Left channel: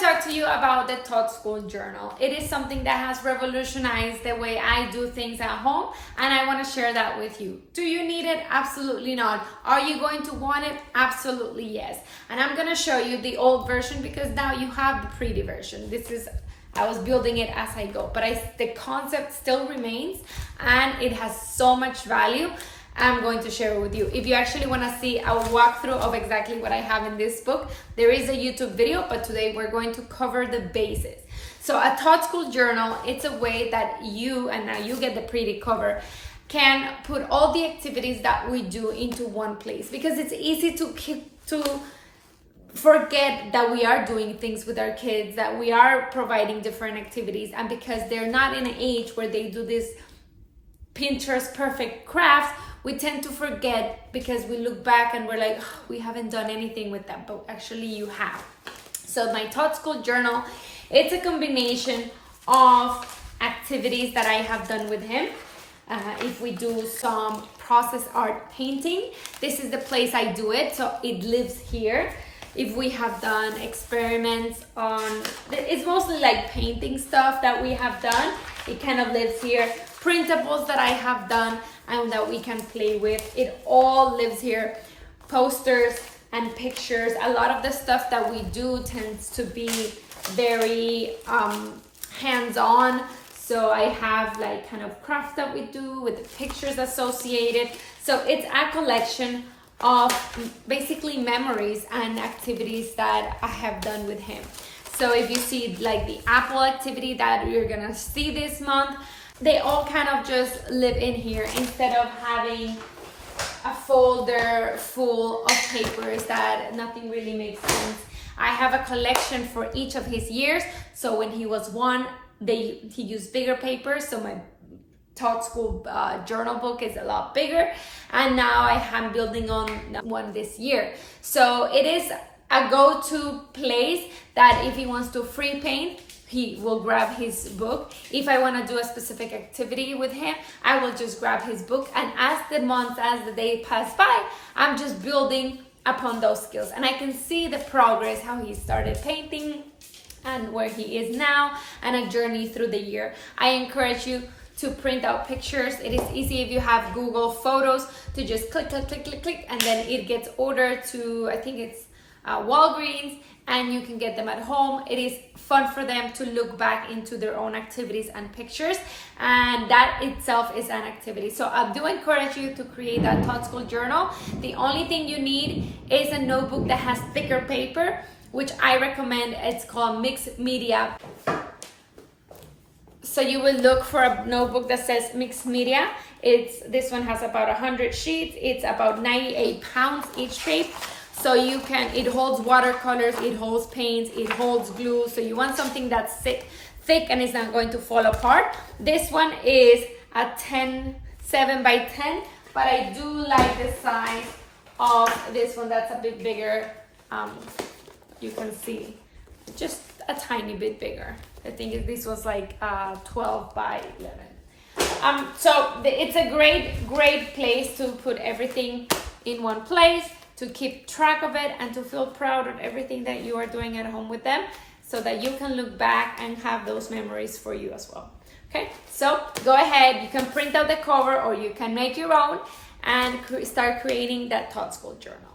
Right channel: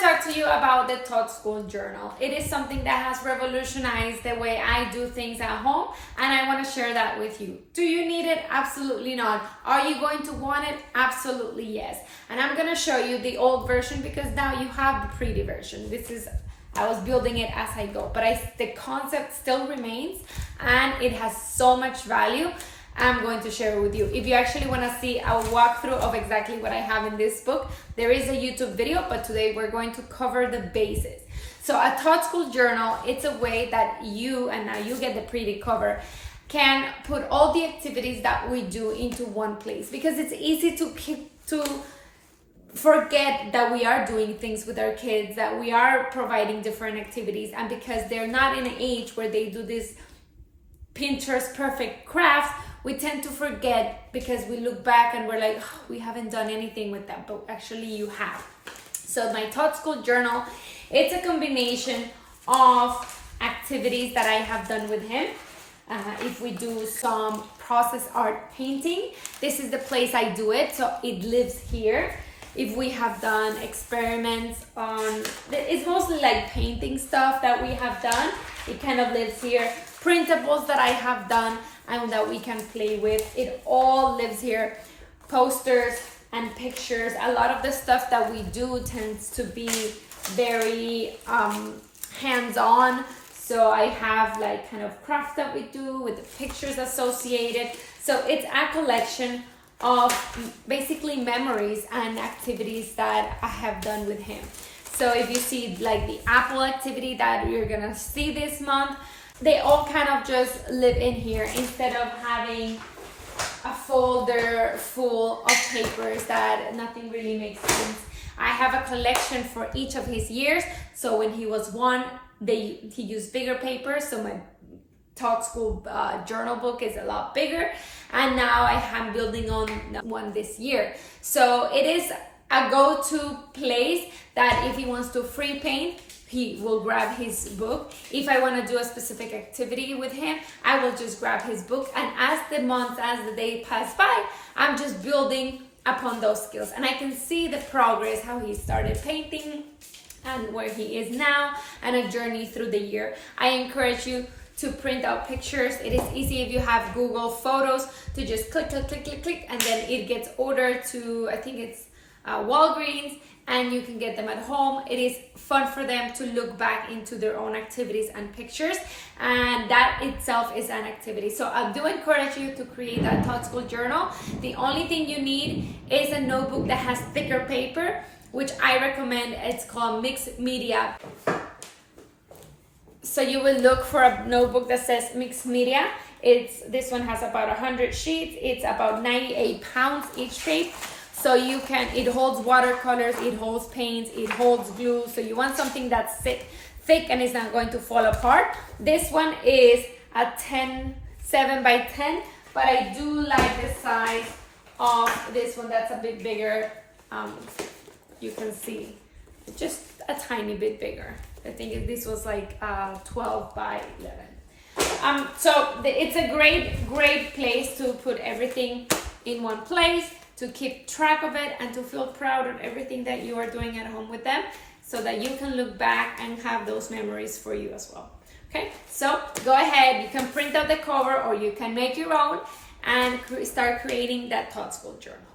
to talk to you about the TOT School Journal. It is something that has revolutionized the way I do things at home, and I want to share that with you. Do you need it? Absolutely not. Are you going to want it? Absolutely yes. And I'm going to show you the old version because now you have the pretty version. I was building it as I go, but the concept still remains and it has so much value. I'm going to share it with you. If you actually want to see a walkthrough of exactly what I have in this book, there is a YouTube video, but today we're going to cover the bases. So a TOT School Journal, it's a way that you, and now you get the pretty cover, can put all the activities that we do into one place, because it's easy to forget that we are doing things with our kids, that we are providing different activities, and because they're not in an age where they do this Pinterest perfect crafts, we tend to forget because we look back and we're like, oh, we haven't done anything with that, but actually you have. So my TOT School Journal, it's a combination of activities that I have done with him. If we do some process art painting, this is the place I do it, so it lives here. If we have done experiments on, it's mostly like painting stuff that we have done, it kind of lives here. Printables that I have done and that we can play with, it all lives here. Posters and pictures, a lot of the stuff that we do tends to be very hands-on. So I have like kind of crafts that we do with the pictures associated. So it's a collection of basically memories and activities that I have done with him. So if you see like the Apple activity that you're gonna see this month, they all kind of just live in here instead of having a folder full of papers that nothing really makes sense. I have a collection for each of his years. So when he was 1, he used bigger papers. So my TOT School journal book is a lot bigger. And now I am building on one this year. So it is a go-to place that if he wants to free paint, he will grab his book. If I want to do a specific activity with him, I will just grab his book. And as the months, as the day pass by, I'm just building upon those skills. And I can see the progress, how he started painting and where he is now, and a journey through the year. I encourage you to print out pictures. It is easy if you have Google Photos to just click, click, click, click, click, and then it gets ordered to, I think it's Walgreens, and you can get them at home. It is fun for them to look back into their own activities and pictures, and that itself is an activity. So I do encourage you to create that TOT School Journal. The only thing you need is a notebook that has thicker paper, which I recommend. It's called Mixed Media. So you will look for a notebook that says Mixed Media. This one has about 100 sheets. It's about 98 pounds each page. So it holds watercolors, it holds paints, it holds glue. So you want something that's thick and is not going to fall apart. This one is a 7 by 10, but I do like the size of this one that's a bit bigger. You can see just a tiny bit bigger. I think this was like 12 by 11. So it's a great place to put everything in one place, to keep track of it and to feel proud of everything that you are doing at home with them, so that you can look back and have those memories for you as well. Okay, so go ahead, you can print out the cover or you can make your own and start creating that TOT School Journal.